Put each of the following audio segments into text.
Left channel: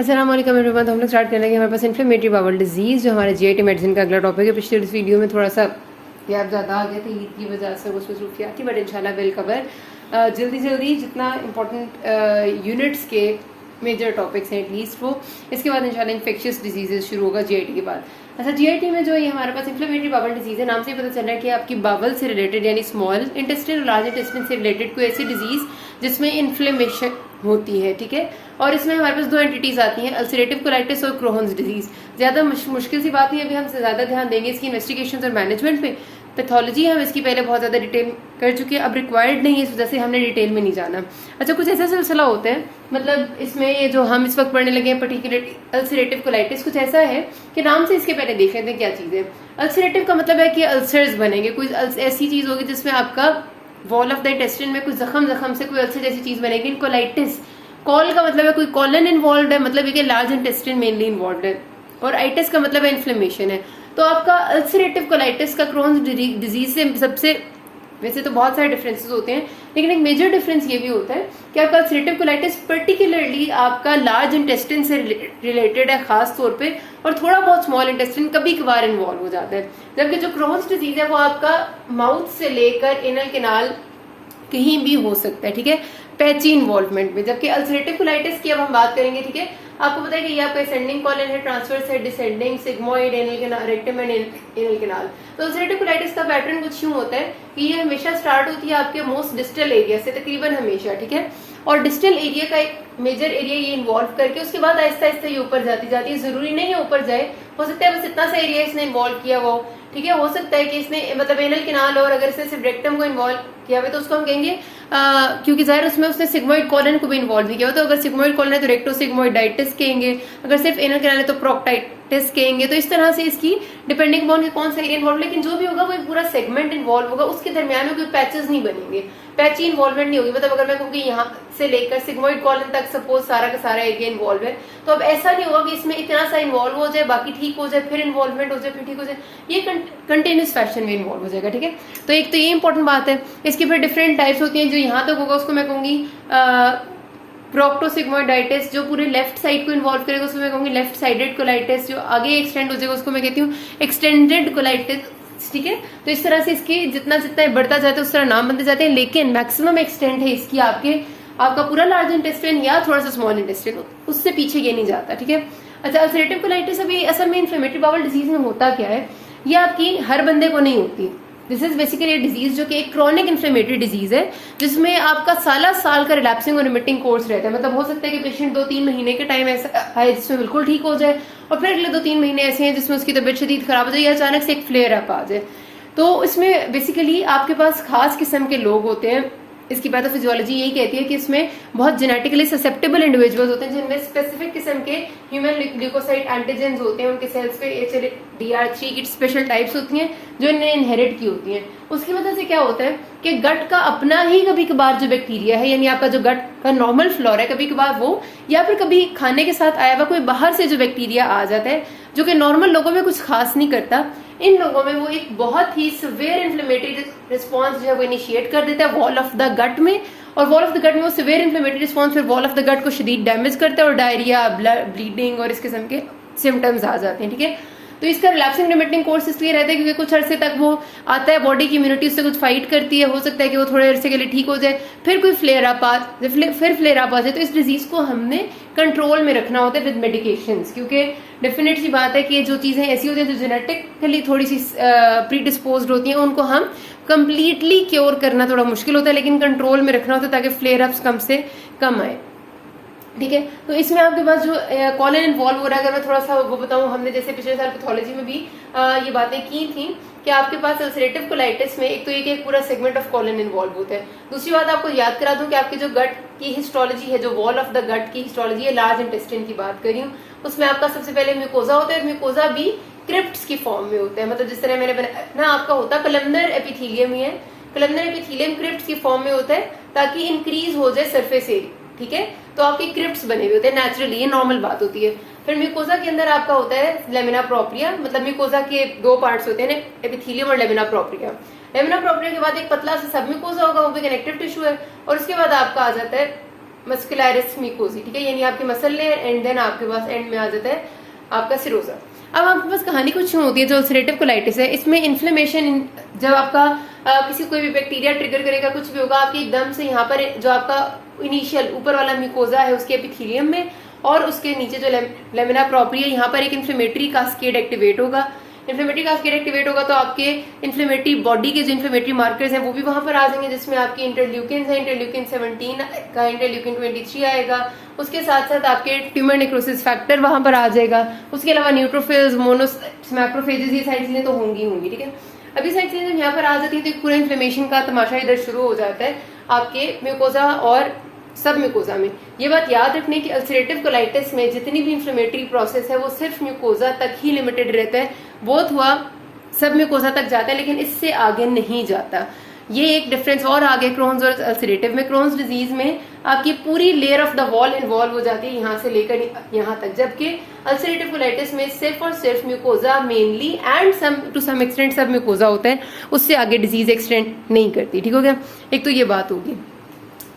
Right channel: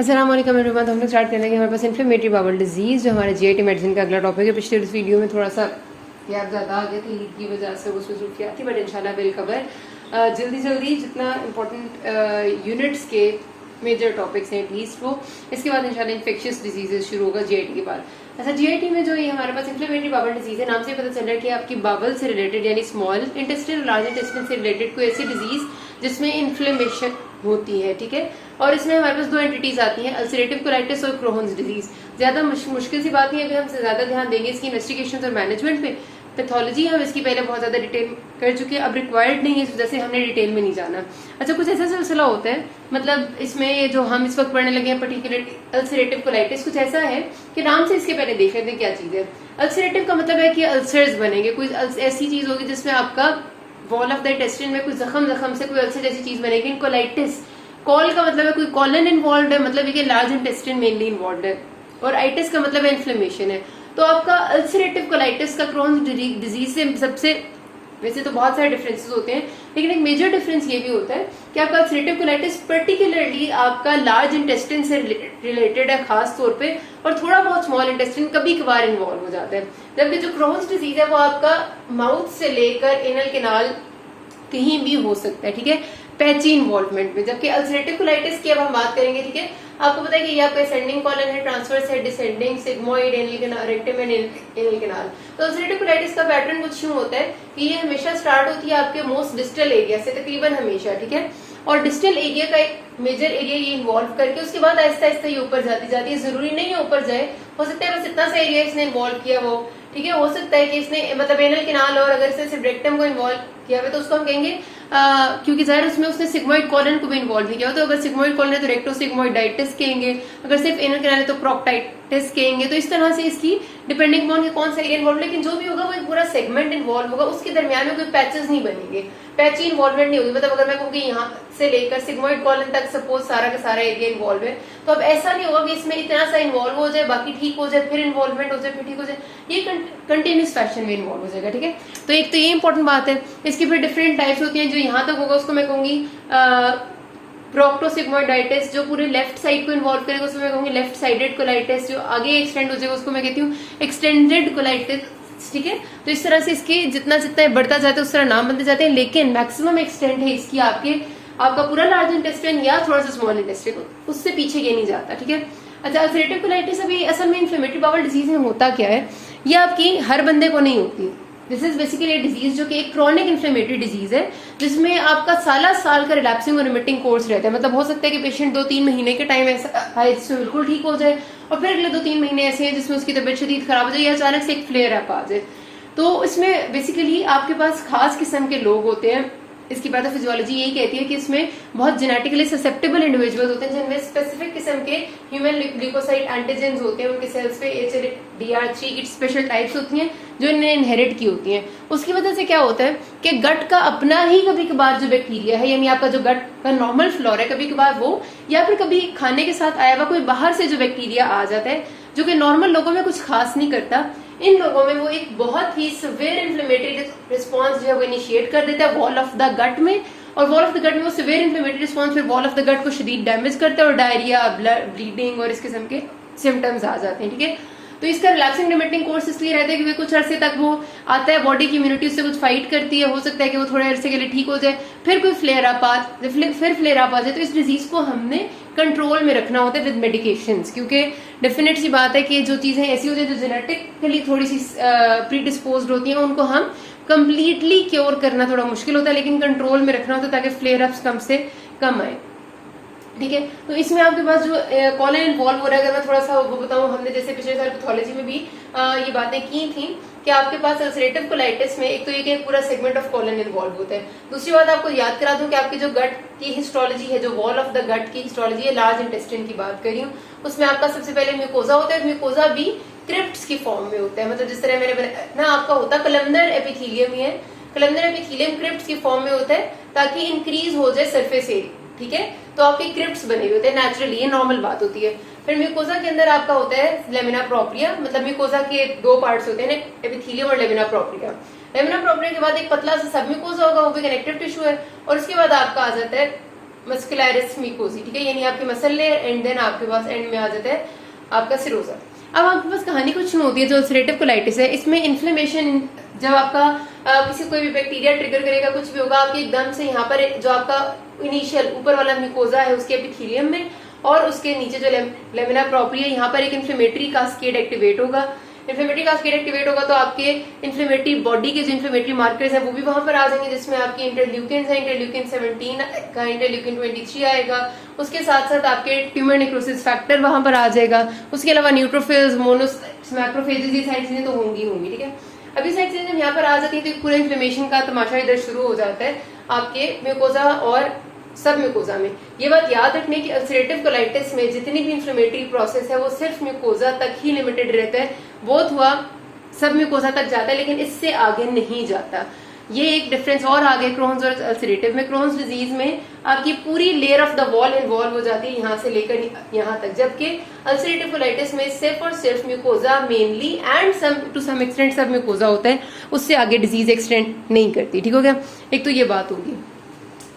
अस्सलाम वालेकुम एवरीवन। तो हम लोग स्टार्ट कर लेंगे हमारे पास इन्फ्लेमेटरी बाउल डिजीज जो हमारे जीआईटी मेडिसिन का अगला टॉपिक है। पिछले वीडियो में थोड़ा सा गैप ज्यादा आ गया था ईद की वजह से, वो मसरूफियात थी, बट इंशाल्लाह विल कवर जल्दी जितना इंपॉर्टेंट यूनिट्स के मेजर टॉपिक्स हैं एटलीस्ट वो। इसके बाद इंशाल्लाह इन्फेक्शियस डिजीजेस शुरू होगा जीआईटी के बाद। अच्छा, जीआईटी में जो ये हमारे पास इन्फ्लेमेटरी बाउल डिजीज है, नाम से पता चल रहा है कि आपकी बावल से रिलेटेड यानी स्मॉल इंटेस्टाइन और लार्ज इंटेस्टाइन से रिलेटेड कोई ऐसी डिजीज जिसमें इन्फ्लेमेशन होती है, ठीक है। और इसमें हमारे पास दो एंटिटीज आती हैं, अल्सरेटिव कोलाइटिस और क्रोहन्स डिजीज। ज्यादा मुश्किल सी बात नहीं है, अभी हम ज्यादा ध्यान देंगे इसकी इन्वेस्टिगेशन और मैनेजमेंट पे। पैथोलॉजी हम इसकी पहले बहुत ज्यादा डिटेल कर चुके हैं, अब रिक्वायर्ड नहीं है, इस वजह से हमने डिटेल में नहीं जाना। अच्छा, कुछ ऐसा सिलसिला होता है, मतलब इसमें ये जो हम इस वक्त पढ़ने लगे हैं पर्टिकुलर अल्सरेटिव कोलाइटिस, कुछ ऐसा है कि नाम से इसके पहले देख लेते हैं क्या चीज है। अल्सरेटिव का मतलब है कि अल्सर्स बनेंगे, कोई ऐसी चीज होगी जिसमें आपका वॉल ऑफ द इंटेस्टाइन में कुछ जख्म से कोई अल्सर जैसी चीज बनेगी। कोलाइटिस, कॉल का मतलब है कोई कॉलन इन्वॉल्व है, मतलब ये लार्ज इंटेस्टाइन मेनली इन्वॉल्व है, और आइटिस का मतलब है इन्फ्लेमेशन है। तो आपका अल्सरेटिव कोलाइटिस का क्रोन्स डिजीज से सबसे, वैसे तो बहुत सारे डिफरेंसेस होते हैं, लेकिन एक मेजर डिफरेंस ये भी होता है कि आपका अल्सरेटिव कोलाइटिस पर्टिकुलरली आपका लार्ज इंटेस्टाइन से रिलेटेड है खास तौर पे, और थोड़ा बहुत स्मॉल इंटेस्टाइन कभी कभार इन्वॉल्व हो जाता है। जबकि जो क्रोन्स डिजीज है वो आपका माउथ से लेकर एनल कैनाल कहीं भी हो सकता है, ठीक है, पैची इन्वॉल्वमेंट में। जबकि अल्सरेटिव कोलाइटिस की अब हम बात करेंगे, ठीक है, आपको पता है कि ये आपका असेंडिंग कॉलन है, ट्रांसवर्स है, descending, sigmoid, anal canal, rectum and anal canal. तो अल्सरेटिव कोलाइटिस का पैटर्न कुछ यूं होता है कि ये हमेशा स्टार्ट होती है आपके मोस्ट डिस्टल एरिया से, तकरीबन हमेशा, ठीक है, और डिस्टल एरिया का एक मेजर एरिया ये इन्वॉल्व करके उसके बाद आहिस्ता आहिस्ता ये ऊपर जाती है। जरूरी नहीं है ऊपर जाए, हो सकता है बस इतना सा एरिया इसने इन्वॉल्व किया वो, ठीक है, हो सकता है कि इसने मतलब एनल कैनाल और अगर से सिर्फ रेक्टम को इन्वॉल्व किया हुआ तो उसको हम कहेंगे क्योंकि जाहिर उसमें उसने सिग्मोइड कॉलन को भी इन्वॉल्व किया हुआ, तो अगर सिग्मोइड कॉलन है तो रेक्टोसिग्मोइडाइटिस कहेंगे, अगर सिर्फ एनल कैनाल है तो प्रोक्टाइटिस कहेंगे। तो इस तरह से इसकी डिपेंडिंग ऑन कौन सा एरिया इन्वॉल्व, लेकिन जो भी होगा वो एक पूरा सेगमेंट इन्वॉल्व होगा, उसके दरमियान में कोई पैचेस नहीं बनेंगे, पैची इन्वॉल्वमेंट नहीं होगी। मतलब अगर मैं कहूँ कि यहाँ से लेकर सिग्मोइड कॉलन तक सपोज सारा का सारा एरिया इन्वॉल्व है, तो अब ऐसा नहीं होगा कि इसमें इतना सा इन्वॉल्व हो जाए, बाकी ठीक हो जाए, फिर इन्वॉल्वमेंट हो जाए, फिर ठीक हो जाए, ये कंटिन्यूस फैशन में इन्वॉल्व हो जाएगा, ठीक है। तो एक तो ये इंपॉर्टेंट बात है। इसकी फिर डिफरेंट टाइप्स होती हैं, जो यहाँ तक होगा उसको मैं कहूंगी प्रोक्टोसिग्मोइडाइटिस, जो पूरे लेफ्ट साइड को इन्वॉल्व करेगा उसको मैं कहूंगी लेफ्ट साइडेड कोलाइटिस, जो आगे एक्सटेंड हो जाएगा उसको मैं कहती हूँ एक्सटेंडेड कोलाइटिस, ठीक है। तो इस तरह से इसके जितना जितना बढ़ता जाता है उस तरह नाम बनते जाते हैं, लेकिन मैक्सिमम एक्सटेंड है इसकी आपका पूरा लार्ज इंटेस्टाइन या थोड़ा सा स्मॉल इंटेस्टाइन, उससे पीछे ये नहीं जाता, ठीक है। अच्छा, अल्सरेटिव कोलाइटिस अभी असल में इन्फ्लेमेटरी बाउल डिजीज में होता क्या है, ये आपकी हर बंदे को नहीं होती। दिस इज बेसिकली डिजीज जो कि एक क्रॉनिक इन्फ्लेमेटरी डिजीज है, जिसमें आपका साल का रिलैप्सिंग और रिमिटिंग कोर्स रहता है। मतलब हो सकता है कि पेशेंट 2-3 महीने के टाइम ऐसा है जिसमें बिल्कुल ठीक हो जाए, और फिर अगले 2-3 महीने ऐसे हैं जिसमें उसकी तबियत शदीद खराब हो जाए या अचानक से एक फ्लेयर अप आ जाए। तो इसमें बेसिकली आपके पास खास किस्म के लोग होते हैं, इसकी पैथोफिजियोलॉजी यही कहती है कि इसमें बहुत जेनेटिकली ससेप्टेबल इंडिविजुअल्स होते हैं जिनमें स्पेसिफिक किस्म के ह्यूमन ल्यूकोसाइट एंटीजेंस होते हैं, उनके सेल्स पे HLA-DR3 की स्पेशल टाइप्स होती हैं जो इन्हें इनहेरिट की होती हैं। उसकी वजह से क्या होता है कि गट का अपना ही कभी कभार जो बैक्टीरिया है, यानी आपका जो गट का नॉर्मल फ्लोर है, कभी कभार वो, या फिर कभी खाने के साथ आया हुआ कोई बाहर से जो बैक्टीरिया आ जाता है जो कि नॉर्मल लोगों में कुछ खास नहीं करता, इन लोगों में वो एक बहुत ही सिवियर इन्फ्लेमेटरी रिस्पॉन्स जो है वो इनिशिएट कर देता है वॉल ऑफ द गट में, और वॉल ऑफ द गट में वो सिवियर इन्फ्लेमेटरी रिस्पॉन्स फिर वॉल ऑफ द गट को शदीद डैमेज करता है, और डायरिया, ब्लीडिंग और इस किस्म के सिम्टम्स आ जाते हैं, ठीक है। तो इसका रिलैप्सिंग रिमिटिंग कोर्स इसलिए रहता है क्योंकि कुछ अरसे तक वो आता है, बॉडी की इम्यूनिटी उससे कुछ फाइट करती है, हो सकता है कि वो थोड़े अरसे के लिए ठीक हो जाए, फिर कोई फ्लेयर अप आ जाए। तो इस डिजीज को हमने कंट्रोल में रखना होता है विद मेडिकेशंस, क्योंकि डेफिनेट सी बात है कि जो चीजें ऐसी होती है जो जेनेटिकली थोड़ी सी प्रीडिस्पोज्ड होती हैं, उनको हम कंप्लीटली क्योर करना थोड़ा मुश्किल होता है, लेकिन कंट्रोल में रखना होता है ताकि फ्लेयर अप्स कम से कम आए, ठीक है। तो इसमें आपके पास जो कॉलन इन्वॉल्व हो रहा है, अगर मैं थोड़ा सा वो बताऊं, हमने जैसे पिछले साल पैथोलॉजी में भी ये बातें की थी कि आपके पास अल्सरेटिव कोलाइटिस में एक तो ये पूरा सेगमेंट ऑफ कॉलन इन्वॉल्व होता है। दूसरी बात आपको याद करा दूं कि आपकी जो गट की हिस्टोलॉजी है, जो वॉल ऑफ द गट की हिस्टोलॉजी है, लार्ज इंटेस्टाइन की बात कर रही हूँ, उसमें आपका सबसे पहले म्यूकोजा होता है। म्यूकोजा भी क्रिप्ट्स की फॉर्म में होता है, मतलब जिस तरह मैंने ना आपका होता कलमनर एपिथेलियम ही है, कलमनर एपिथेलियम क्रिप्ट्स की फॉर्म में होता है ताकि इंक्रीज हो जाए सरफेस एरिया, ठीक है। तो आपके क्रिप्ट्स बने हुए होते हैं नेचुरली, ये नॉर्मल बात होती है। फिर म्यूकोजा के अंदर आपका होता है लेमिना प्रोप्रिया, मतलब म्यूकोजा के दो पार्ट्स होते हैं, एपिथेलियम और लेमिना प्रोप्रिया। लेमिना प्रोप्रिया के बाद एक पतला सा सब म्यूकोजा होगा, वो भी कनेक्टिव टिश्यू है, और उसके बाद आपका आ जाता है मस्कुलरिस म्यूकोसी, ठीक है, यानी आपकी मसल लेयर एंड देन आपके पास एंड में आ जाता है आपका सिरोजा। अब आपके पास कहानी कुछ नहीं होती है। जो अल्सरेटिव कोलाइटिस है इसमें इन्फ्लेमेशन, जब आपका किसी कोई भी बैक्टीरिया ट्रिगर करेगा, कुछ भी होगा, आपके एकदम से यहाँ पर जो आपका इनिशियल ऊपर वाला म्यूकोजा है उसके एपिथेलियम में और उसके नीचे जो लेमिना प्रोप्रिया, यहाँ पर एक इन्फ्लेमेटरी कास्केड एक्टिवेट होगा। इन्फ्लेमेटरी कास्केड एक्टिवेट होगा तो आपके इन्फ्लेमेटरी बॉडी के जो इन्फ्लेमेटरी मार्कर्स हैं वो भी वहां पर आ जाएंगे, जिसमें आपकी इंटरल्यूकिन है, इंटरल्यूकिन 17 का, इंटरल्यूकिन 23 आएगा। उसके साथ साथ आपके ट्यूमर नेक्रोसिस फैक्टर वहां पर आ जाएगा। उसके अलावा न्यूट्रोफिल्स, मोनोसाइट्स, मैक्रोफेजेस, ये सारी चीजें तो होंगी, ठीक है। अभी सारी चीजें जब यहाँ पर आ जाती है तो पूरा इन्फ्लेमेशन का तमाशा इधर शुरू हो जाता है आपके म्यूकोजा और सब म्यूकोजा में। ये बात याद रखने की अल्सरेटिव कोलाइटिस में जितनी भी इन्फ्लेमेटरी प्रोसेस है वो सिर्फ म्यूकोजा तक ही लिमिटेड रहता है, बहुत हुआ सब म्यूकोजा तक जाता है लेकिन इससे आगे नहीं जाता। ये एक डिफरेंस और आगे क्रोन्स और अल्सरेटिव में। क्रोन्स डिजीज में आपकी पूरी layer of the wall involve हो जाती है यहाँ से लेकर यहाँ तक, जबकि अल्सरेटिव कोलाइटिस में सिर्फ और सिर्फ mucosa mainly and to some extent submucosa होते हैं, उससे आगे डिजीज एक्सटेंड नहीं करती, ठीक हो गया। एक तो ये बात होगी।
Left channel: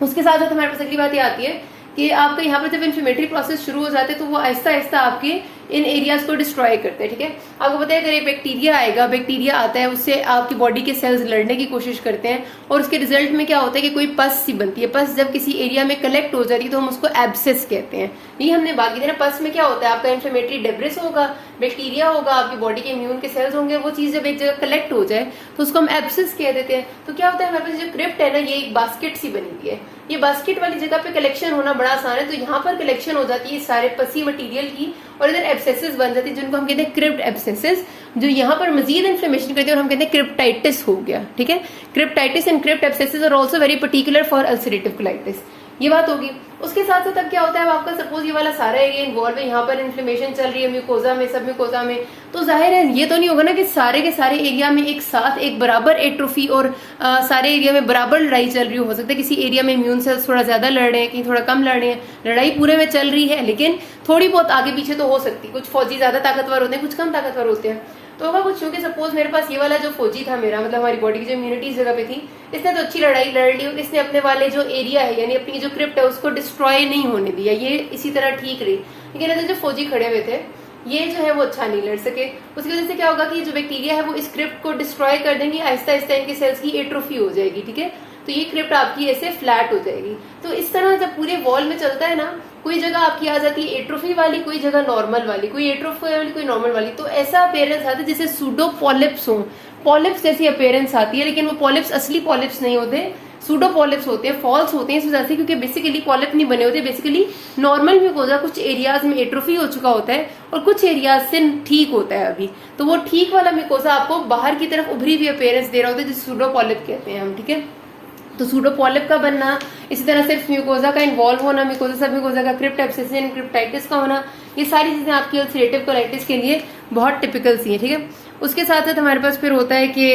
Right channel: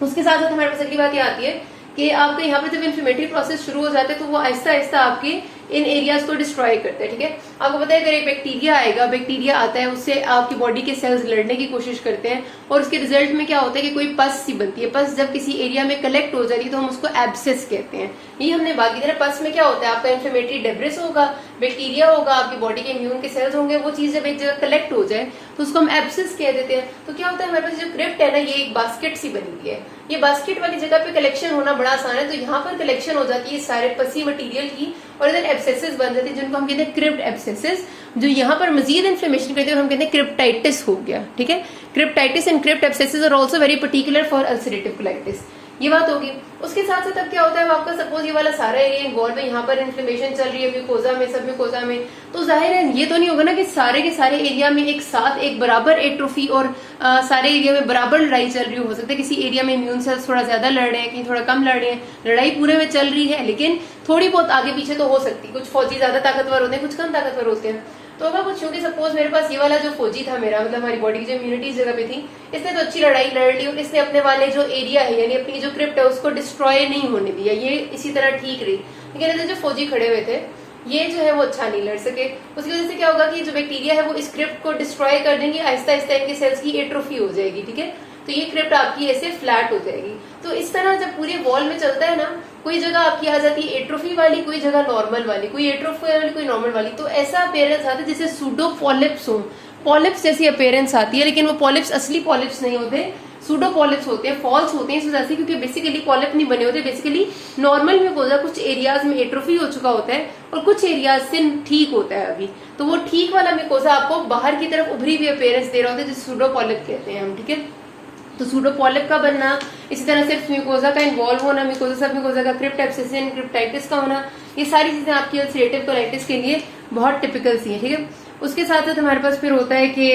उसके साथ साथ हमारे पास अगली बात ये आती है कि आपके यहाँ पर जब इन्फ्लेमेटरी प्रोसेस शुरू हो जाते हैं तो वो आहिस्ता आहिस्ता आपके इन एरियाज को डिस्ट्रॉय करते हैं, ठीक है। आपको पता है अगर एक बैक्टीरिया आएगा, बैक्टीरिया आता है, उससे आपकी बॉडी के सेल्स लड़ने की कोशिश करते हैं और उसके रिजल्ट में क्या होता है कि कोई पस सी बनती है। पस जब किसी एरिया में कलेक्ट हो जाती है तो हम उसको एब्सेस कहते हैं। ये हमने बात की थी। पस में क्या होता है, आपका इन्फ्लेमेटरी डेब्रिस होगा, बैक्टीरिया होगा, आपकी बॉडी के इम्यून के सेल्स होंगे, वो चीज जब एक जगह कलेक्ट हो जाए तो उसको हम एब्सेस कह देते हैं। तो क्या होता है, हमारे पास जो क्रिप्ट है ना, ये एक बास्केट सी बनी हुई है। ये बास्केट वाली जगह पे कलेक्शन होना बड़ा आसान है, तो यहाँ पर कलेक्शन हो जाती है सारे पसी मटेरियल की और इधर एब्सेसेस बन जाती है जिनको हम कहते हैं क्रिप्ट एब्सेसेस, जो यहाँ पर मजीद इन्फ्लेमेशन करती है और हम कहते हैं क्रिप्टाइटिस हो गया, ठीक है। Cryptitis and crypt abscesses are also very particular for ulcerative colitis. ये बात होगी। उसके साथ साथ अब क्या होता है, आपका सपोज ये वाला सारा एरिया इन्वॉल्व है, यहाँ पर इन्फ्लेमेशन चल रही है म्यूकोजा में, सब म्यूकोजा में, तो जाहिर है ये तो नहीं होगा ना कि सारे के सारे एरिया में एक साथ एक बराबर एट्रोफी और सारे एरिया में बराबर लड़ाई चल रही हो सकता है किसी एरिया में इम्यून सेल्स थोड़ा ज्यादा लड़ रहे हैं, कहीं थोड़ा कम लड़ रहे हैं, लड़ाई पूरे में चल रही है लेकिन थोड़ी बहुत आगे पीछे तो हो सकती है। कुछ फौजी ज्यादा ताकतवर होते हैं, कुछ कम ताकतवर होते हैं। तो होगा कुछ, क्योंकि सपोज मेरे पास ये वाला जो फौजी था मेरा, मतलब हमारी बॉडी की जो इम्यूनिटी इस जगह पे थी, इसने तो अच्छी लड़ाई लड़ ली और इसने अपने वाले जो एरिया है यानी अपनी जो क्रिप्ट है उसको डिस्ट्रॉय नहीं होने दिया, ये इसी तरह ठीक रही। लेकिन इधर जो फौजी खड़े हुए थे ये जो है वो अच्छा नहीं लड़ सके। उसकी वजह से क्या होगा कि जो बैक्टीरिया है वो इस क्रिप्ट को डिस्ट्रॉय कर देंगे, आहिस्ता आहिस्ता इनके सेल्स की एट्रोफी हो जाएगी, ठीक है। तो ये क्रिप्ट आपकी ऐसे फ्लैट हो जाएगी। तो इस तरह जब पूरे वॉल में चलता है ना, कोई जगह आपकी आ जाती है एट्रोफी वाली, कोई जगह नॉर्मल वाली, कोई एट्रोफी वाली, कोई नॉर्मल वाली, तो ऐसा अपेयरेंस आता है जैसे सूडो पॉलिप्स हो, पॉलिप्स जैसी अपेयरेंस आती है, लेकिन वो पॉलिप्स असली पॉलिप्स नहीं होते, सूडो पॉलिप्स होते हैं, फॉल्स होते हैं इस वजह से क्योंकि बेसिकली पॉलिप नहीं बने होते। बेसिकली नॉर्मल म्यूकोजा कुछ एरियाज में एट्रोफी हो चुका होता है और कुछ एरियाज से ठीक होता है अभी, तो वो ठीक वाला म्यूकोजा आपको बाहर की तरफ उभरी हुई अपेयरेंस दे रहा होता है जिसे सूडो पॉलिप कहते हैं हम, ठीक है। तो सूडो पॉलिप का बनना, इसी तरह सिर्फ म्यूकोजा का इन्वॉल्व होना, म्यूकोजा सब म्यूकोजा का क्रिप्ट एब्सेसिस एंड क्रिप्टाइटिस का होना, ये सारी चीजें आपकी अल्सरेटिव कोलाइटिस के लिए बहुत टिपिकल सी है, ठीक है। उसके साथ साथ हमारे पास फिर होता है कि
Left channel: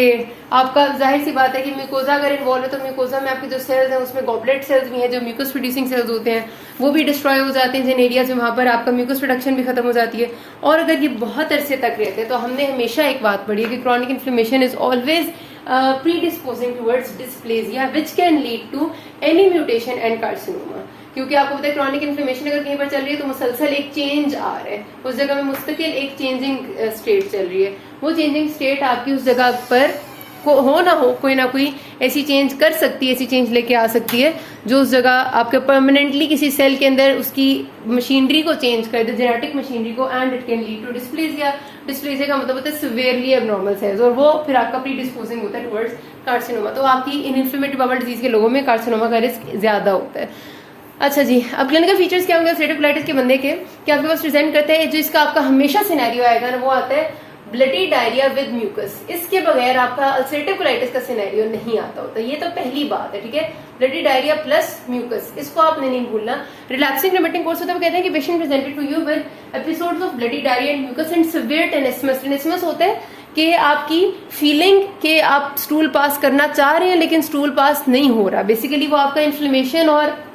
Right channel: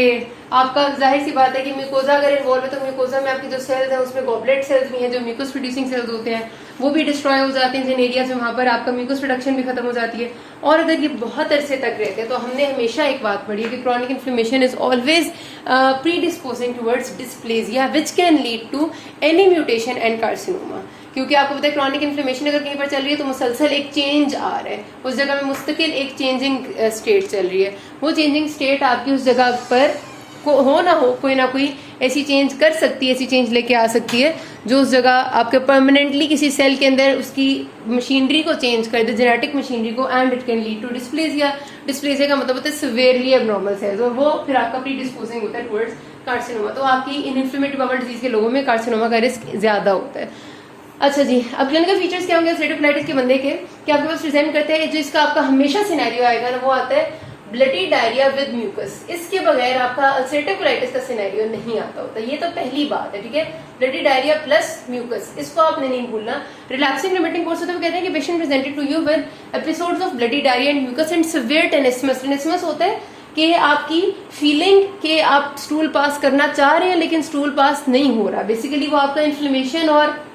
आपका जाहिर सी बात है कि म्यूकोजा अगर इन्वॉल्व है तो म्यूकोजा में आपके जो सेल्स हैं उसमें गॉबलेट सेल्स भी हैं जो म्यूकस प्रोड्यूसिंग सेल्स होते हैं, वो भी डिस्ट्रॉय हो जाते हैं जिन एरियाज में वहां पर आपका म्यूकस प्रोडक्शन भी खत्म हो जाती है। और अगर ये बहुत अरसे तक रहते हैं तो हमने हमेशा एक बात पढ़ी है कि chronic inflammation is always predisposing towards dysplasia which can lead to any mutation and carcinoma. क्योंकि आपको पता है क्रॉनिक इन्फ्लेमेशन अगर कहीं पर चल रही है तो मुसलसल एक चेंज आ रहा है, उस जगह में मुस्तकिल एक चेंजिंग स्टेट चल रही है। वो चेंजिंग स्टेट आपकी उस जगह पर हो ना हो, कोई ना कोई ऐसी चेंज कर सकती है, ऐसी चेंज लेके आ सकती है जो उस जगह आपके परमानेंटली किसी सेल के अंदर उसकी मशीनरी को चेंज कर दे, जेनेटिक मशीनरी को, and it can lead to dysplasia. Dysplasia का मतलब होता है सिवियरली एबनॉर्मल सेल्स और वो फिर आपका प्री डिस्पोजिंग होता है टुवर्ड्स कार्सिनोमा। तो आपकी इन इन्फ्लेमेटरी बाउल डिजीज के लोगों में कार्सिनोमा का रिस्क ज्यादा होता है। अच्छा जी, अब क्लिनिकल फीचर्स क्या होंगे अल्सरेटिव कोलाइटिस के बंदे के, कि आपके पास प्रेजेंट करते हैं जो इसका आपका हमेशा सिनेरियो आएगा ना, वो आता है ब्लडी डायरिया विद म्यूकस। इसके बगैर आपका अल्सरेटिव कोलाइटिस का सिनेरियो नहीं आता होता, ये तो पहली बात है, ठीक है। ब्लडी डायरिया प्लस म्यूकस, इसको आपने नहीं भूलना। रिलैप्सिंग रिमिटिंग कोर्स होता है, वो कहते हैं कि patient presented to you with episodes of bloody diarrhoea and mucus and severe tenesmus. Tenesmus होता है कि आपकी फीलिंग के आप स्टूल पास करना चाह रहे हैं लेकिन स्टूल पास नहीं हो रहा। बेसिकली वो आपका इन्फ्लेमेशन और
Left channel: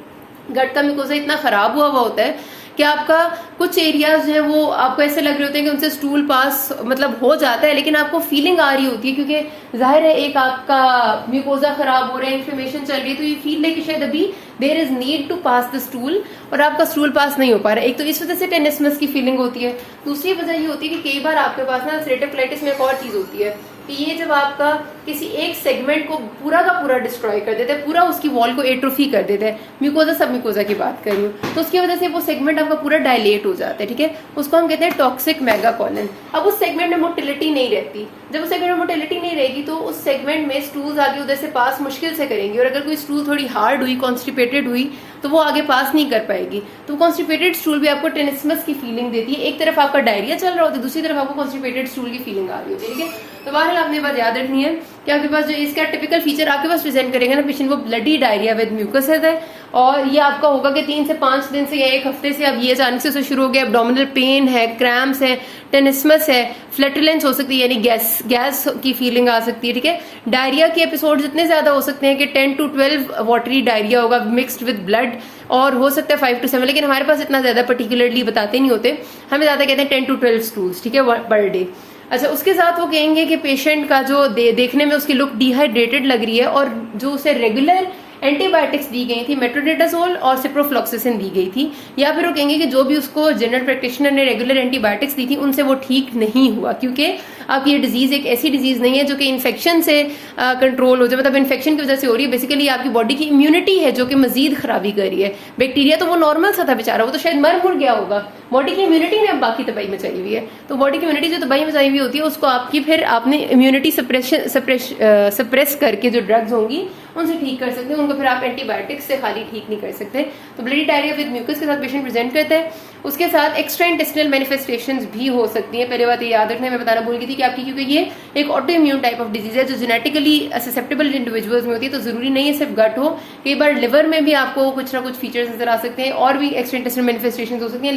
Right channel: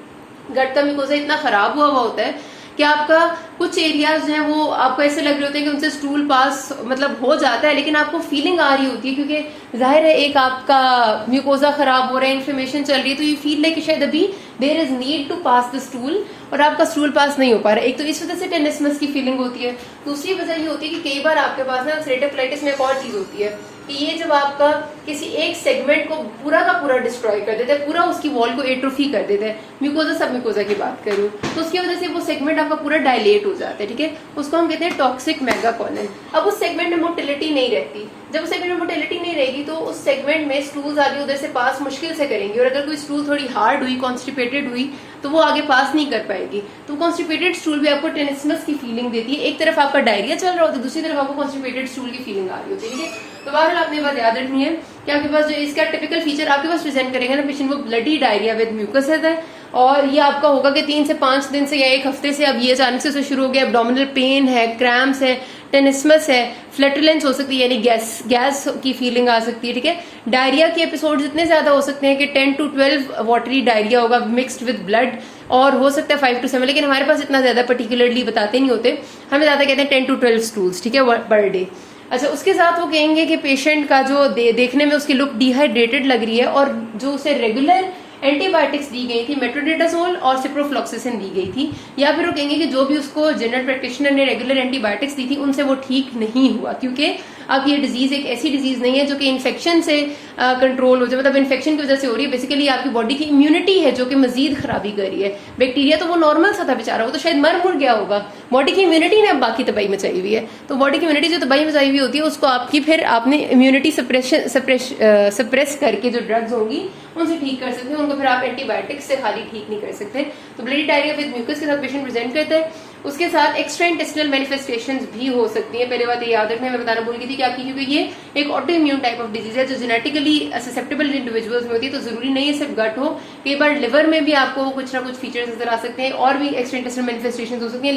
गट का म्यूकोजा इतना खराब हुआ होता है कि आपका कुछ एरियाज है वो आपको ऐसे लग रहे होते हैं कि उनसे स्टूल पास मतलब हो जाता है लेकिन आपको फीलिंग आ रही होती है क्योंकि जाहिर है एक आपका म्यूकोजा खराब हो रहा है, इन्फ्लेमेशन चल रही है, तो यू फील लाइक शायद अभी there is need to pass the stool और आपका स्टूल पास नहीं हो पा रहा है। एक तो इस वजह से टेनिसमस की फीलिंग होती है, दूसरी वजह ये होती है कि कई बार आपके पास ना अल्सरेटिव कोलाइटिस में एक और चीज होती है कि ये जब आपका किसी एक सेगमेंट को पूरा का पूरा डिस्ट्रॉय कर देता है, पूरा उसकी वॉल को एट्रोफी कर देता है, म्यूकोजा सब म्यूकोजा की बात कर रही हूँ, तो उसकी वजह से वो सेगमेंट आपका पूरा डायलेट हो जाता है, ठीक है, उसको हम कहते हैं टॉक्सिक मेगा कॉलन। अब उस सेगमेंट में मोटिलिटी नहीं रहती, जब उस सेगमेंट में मोटिलिटी नहीं रहेगी तो उस सेगमेंट में स्टूल्स आगे उधर से पास मुश्किल से करेंगे, और अगर कोई स्टूल थोड़ी हार्ड हुई, कॉन्स्टिपेटेड हुई, तो वो आगे पास नहीं कर पाएगी। तो कॉन्स्टिपेटेड स्टूल भी आपको टेनिसमस की फीलिंग देती है, एक तरफ आपका डायरिया चल रहा होता है, दूसरी तरफ आपको कॉन्स्टिपेटेड स्टूल की फीलिंग आ रही होती है, ठीक है। तो बहरहाल आपने बात याद रखनी है कि आपके पास जो इसका टिपिकल फीचर आपके पास प्रेजेंट करेगा ना पेशेंट, वो ब्लडी डायरिया विद म्यूकस है, और ये आपका होगा कि 3 से 5 दिन से या 1 हफ्ते से अब ये अचानक से शुरू हो गया, एब्डोमिनल पेन है, क्रैम्प्स है, टेनिसमस है, फ्लैटुलेंस हो सकती है, यानी गैस की फीलिंग आ सकती है, ठीक है। डायरिया के एपिसोड इतने ज्यादा हो सकते हैं कि 10 to 12 वाटरी डायरिया होगा मिक्स्ड विद ब्लड, और हो सकता है 5 to 7, लेकिन हमारे पास इतना ज्यादा पर्टिकुलरली बताते नहीं होते, हमें ज्यादा कहते हैं 10 to 12 स्टूल्स, ठीक है, पर डे। अच्छा, उसके साथ वो कहेंगे कि पेशेंट का जो देखने में उसकी लुक डिहाइड्रेटेड लग रही है, और जो उसे रेगुलर एंटीबायोटिक्स दी गई थी, मेट्रोडेटाजोल और सिप्रोफ्लॉक्सासिन दी गई थी, या फिर वो कहेंगे कि जो भी उसको जनरल प्रैक्टिशनर ने रेगुलर एंटीबायोटिक्स दी थी उनसे वो ठीक नहीं हुआ, क्योंकि अब ये डिजीज एक ऐसी डिजीज नहीं है जो कि इन्फेक्शन से कंट्रोल हो जाए, मतलब इन्फेक्शन की वजह से हो रही है, बेसिकली आपकी बॉडी की इम्यूनिटी है जो कि मजीद खराबी कर रही है। बैक्टीरिया तो वो नॉर्मल सा था बेचारा, वो तो शायद मर मुर गया होगा, बॉडी की इम्यूनिटी ने अब बाकी तबाही मचाई हुई है। तो बॉडी की इम्यूनिटी जो तबाही मचाई हुई होती है उसको आपकी फिर आपने इम्यूनिटी सप्रेस करके जो ड्रग्स होंगी उनसे ठीक कर सकते हैं, उनको फिर आप एंटीबायोटिक्स से खाली ठीक नहीं कर सकते। तो ब्लडी डायरिया विद म्यूकस के साथ पेशेंट प्रेजेंट करते हैं, उसके साथ एक्स्ट्रा इंटेस्टिनल मैनिफेस्टेशंस भी हो सकती हैं। पहले बात ये याद रखने में बताना भूल गई थी कि आपकी, क्योंकि ये एक auto immune type of disease है जो जेनेटिकली ससेप्टेबल इंडिविजुअल्स में होती है, तो जरूरी नहीं है सिर्फ गट हो, कई बार लिवर में भी आपको कुछ ना कुछ फीचर्स नजर आ सकते हैं, और भी एक्स्ट्रा इंटेस्टिनल मैनिफेस्टेशंस हो सकती हैं,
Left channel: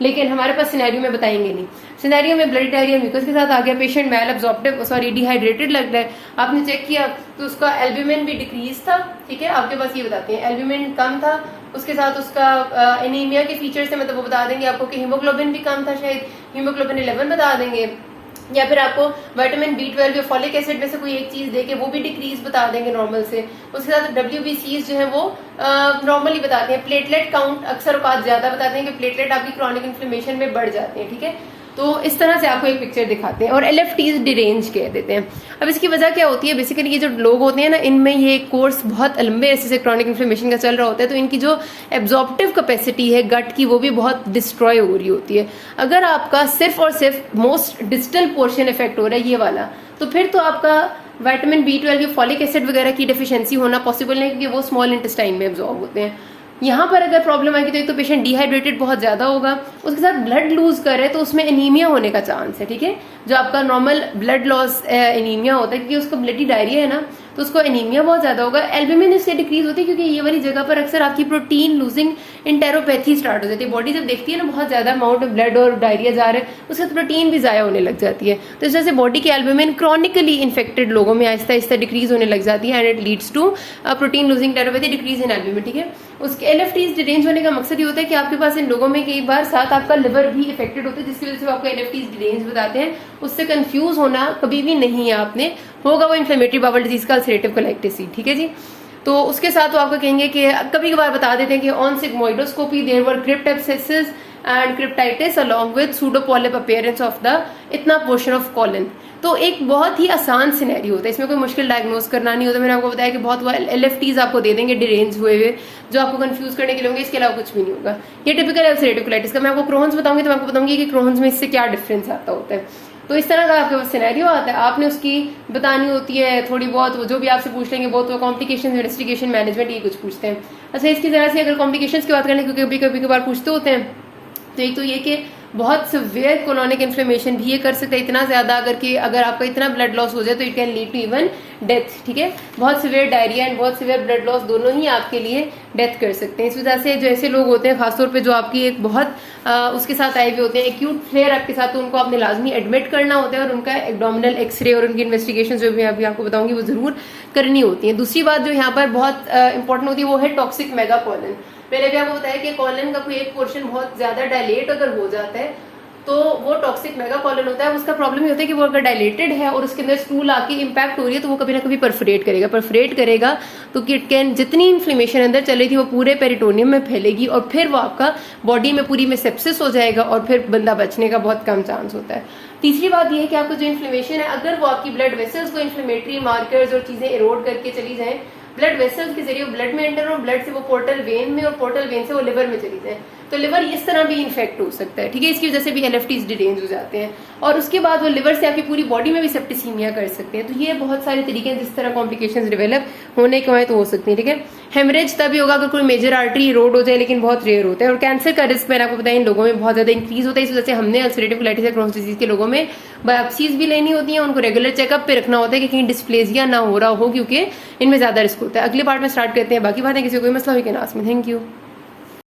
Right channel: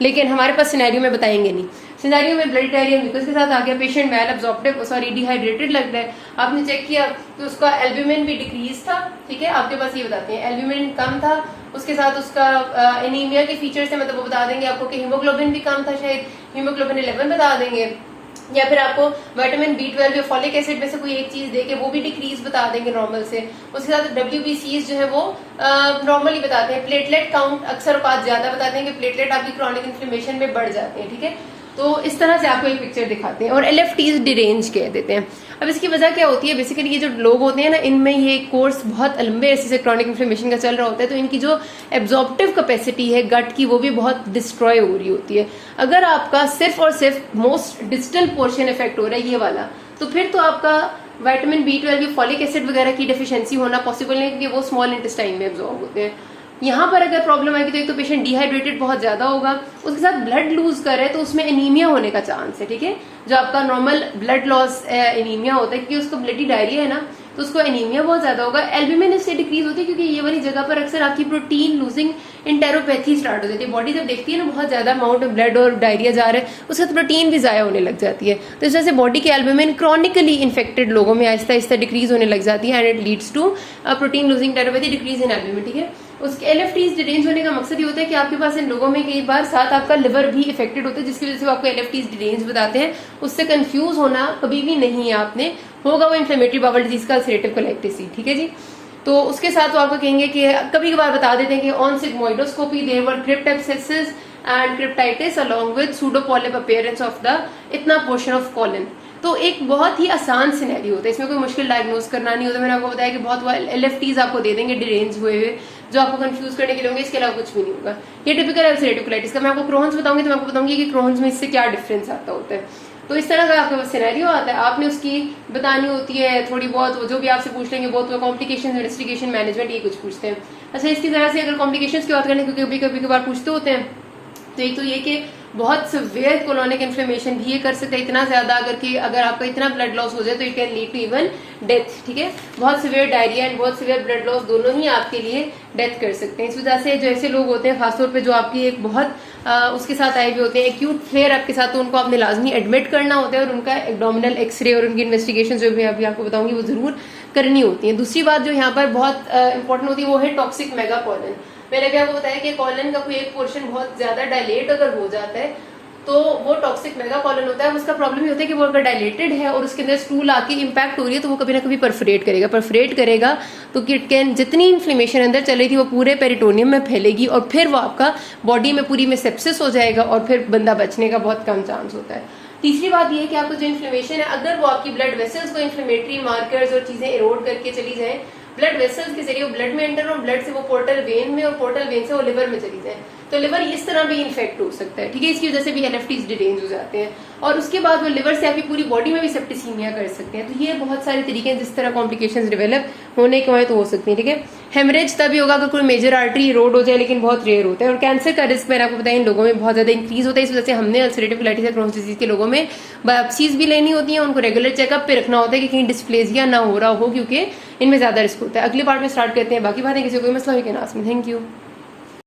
लेकिन हमारे पास सिनेरियो में बताएंगे नहीं। सिनेरियो में ब्लडी डायरिया म्यूकस के साथ आ गया, पेशेंट मैल एब्जॉर्प्टिव डिहाइड्रेटेड लग रहा है, आपने चेक किया तो उसका एल्ब्यूमिन भी डिक्रीज था, ठीक है, आपके पास ये बताते हैं एल्ब्यूमिन कम था, उसके साथ उसका एनीमिया के फीचर्स है, मतलब वो बता देंगे आपको कि हीमोग्लोबिन भी कम था, शायद हीमोग्लोबिन 11 बता देंगे, या फिर आपको विटामिन B12 या फॉलिक एसिड में से कोई एक चीज देके वो भी डिक्रीज बता देंगे नॉर्मल से। उसके साथ WBCs जो है वो नॉर्मली बताते हैं, प्लेटलेट काउंट अक्सर औकात ज्यादा बताते हैं कि प्लेटलेट आपकी क्रॉनिक इन्फ्लेमेशन में बढ़ जाते हैं, ठीक है। तो इस तरह से आपको एक पिक्चर दिखाते हैं, और LFTs डिरेंज कह देते हैं। अब इसकी वजह क्या होती है, बेसिकली ये जो लोग होते हैं ना, इनमें ये कोर्स बहुत लंबे ऐसे से क्रॉनिक इन्फ्लेमेशन का चल रहा होता है, तो इनकी जो एब्जॉर्प्टिव कैपेसिटी है गट की वो भी बहुत डिस्ट्रॉय हो रही होती है। अगर आपका सिर्फ और सिर्फ मोस्ट डिस्टल पोर्शन इफेक्ट हो रहा है ये वाला, तो फिर तो आपका विटामिन B12 या फॉलिक एसिड वगैरह की डेफिशिएंसी होना पॉसिबल नहीं, क्योंकि वो स्मॉल इंटेस्टाइन में एब्जॉर्ब होते हैं। यहाँ पर अगर प्रॉब्लम आएगी तो एक तो पेशेंट डिहाइड्रेटेड बहुत ज्यादा होगा, उसके साथ ब्लड लूज करे तो उसमें एनीमिया होने का चांस है, ठीक है, जो आपका नॉर्मल ब्लड लॉस एनीमिया होता है, क्योंकि उसको ब्लडी डायरिया है ना, तो उसको एनीमिया बहुत ज्यादा होगा। एल्ब्यूमिन इससे डिक्रीज होती है क्योंकि ये वाली जगह पर अक्सर आपकी प्रोटीन लूजिंग इंटेरोपैथी स्टार्ट हो जाती है, बॉडी जब देखती है ना बहुत ज्यादा अमाउंट ऑफ ब्लड और डायरिया जा रहा है, उसके साथ प्रोटीन भी जाया होने लग जाती है, तो इस वजह से बॉडी की एल्ब्यूमिन क्रॉनिकली इन्फेक्टेड लोगों में आहिस्ता आहिस्ता डिक्रीज होने लग जाती है, and it leads to protein losing enteropathy, decrease in albumin, ठीक है। उसके LFTs डिरेंज होने का मकसद ये होता है कि आपके पास इन लोगों में कई बार साथ आपका लिवर भी इफेक्टेड होता है, जिसकी वजह से आपको LFTs डिरेंज बताते हैं। उससे कंफ्यूज होना कभी भी नहीं है आपने, होगा वो इन्फ्लेमेटरी बाउल डिजीज का अल्सरेटिव कोलाइटिस, ठीक है जी। तो उसके साथ तो आपको कहेंगे कि कभी कभार बता देते हैं कि on sigmoidoscopy there were crypt abscesses and cryptitis along with pseudopolyp appearance of the इतना पोर्शन ऑफ कॉलन। तो एक बहुत ही आसान सिनेरियो होता है, इसमें कोई मुश्किल डायग्नोज करना नहीं होता। मैंने आपको बताया कि बहुत LFTs आपको दे देंगे डिरेंज हुए हुए, जो आपको कंफ्यूज करने के लिए होंगे, इसके अलावा कुछ भी नहीं होगा। ये टिपिकल अल्सरेटिव कोलाइटिस का। मैं आपको क्रोन्स बताऊंगी तो मैं आपको बताऊंगी कि क्रोन्स में इससे क्या डिफरेंस आता होता है। तो इस तरह का आपके पास सिनेरियो आता है, आपने उसकी बतानी होती है थोड़ी बहुत, जो भी आपसे पूछ लेंगे बहुत कॉम्प्लिकेशन, इन्वेस्टिगेशन, मैनेजमेंट, ये कुछ पूछते हैं। अच्छा, इसकी तरह से अगर कॉम्प्लिकेशंस की बात करें, क्योंकि कभी कभार पूछते होते हैं, तो एक तो ये कि बहुत सिवियर कोलोनिक इन्फ्लेमेशन भी ये कर सकता है, इतना ज्यादा अगर आपका इतना ब्लड लॉस हो जाए तो it can lead to even death, ठीक है। बहुत सिवियर डायरिया एंड बहुत सिवियर ब्लड लॉस दोनों ही आपके लिए डेथ कर सकते हैं। इस वजह से जो ऐसे लोग होते हैं, खासतौर पे जो आपकी एक बहुत उसके साथ आए हुए होते हैं एक्यूट फ्लेयर आपके साथ, तो उनको आपने लाजमी एडमिट करना होता है, और उनका एब्डोमिनल एक्सरे और उनकी इन्वेस्टिगेशन जो भी अभी आपको बताऊंगी वो जरूर करनी होती है। दूसरी बात जो यहाँ पर बहुत इंपॉर्टेंट होती है वो है टॉक्सिक मेगा कॉलन। मैंने भी आपको बताया कि कॉलन का कोई एक पोर्शन बहुत ज्यादा डायलेट अगर हो जाता है तो वो टॉक्सिक मेगा कॉलन होता है। उसका प्रॉब्लम ये होता है कि वो अगर डायलेटेड है और उसके अंदर स्टूल आके इम्पैक्ट हो रही है तो वो कभी ना कभी परफोरेट करेगा तो किट कैन जितनी इन्फ्लेमेशन अंदर चल रही थी वो पूरे पेरिटोनियम में फैलेगी और फिर वो आपका बॉडी में पूरी में सेप्सिस हो जाएगा और फिर बंदा बचने का बहुत कम चांस होता है। तीसरी बात यह है कि आपको जो इन्फ्लेमेशन है अगर वो आपकी ब्लड वेसल्स को इन्फ्लेमेटरी मार्कर्स और चीजें इरोड करके चली जाए, ब्लड वेसल्स के जरिए ब्लड में एंटर और ब्लड से वो पोर्टल वेन में और पोर्टल वेन से वो लिवर में चली जाए तो लिवर इस तरह भी इन्फेक्ट हो सकता है, ठीक है। इसकी वजह से भी एलएफटीज डिरेंज हो जाते हैं और उसके बाद वो लिवर से आपकी पूरी बॉडी में भी सेप्टिसीमिया कर सकते हैं। तो ये बहुत सारे तरीके हैं जिस तरह कॉम्प्लिकेशंस डेवलप होने के बाद तो हो सकती है, ठीक है। हेमरेज तभी होगा अगर कोई मेजर आर्टरी इरोड हो जाए, लेकिन बहुत रेयर होता है। और कैंसर का रिस्क मैंने आपको बताया इन लोगों में बहुत ज्यादा इंक्रीज होता है। इस वजह से हमने अल्सरेटिव कोलाइटिस या क्रोन्स डिजीज के लोगों में बायोप्सीज भी लेनी होती है, उनको रेगुलर चेकअप पे रखना होता है कि कहीं डिस्प्लेजिया ना हो रहा हो, क्योंकि इनमें ज्यादा रिस्क होता है। अगले पार्ट में स्टार्ट करते हैं बाकी बातें। किसी को कोई मसला हो can ask me. Thank you.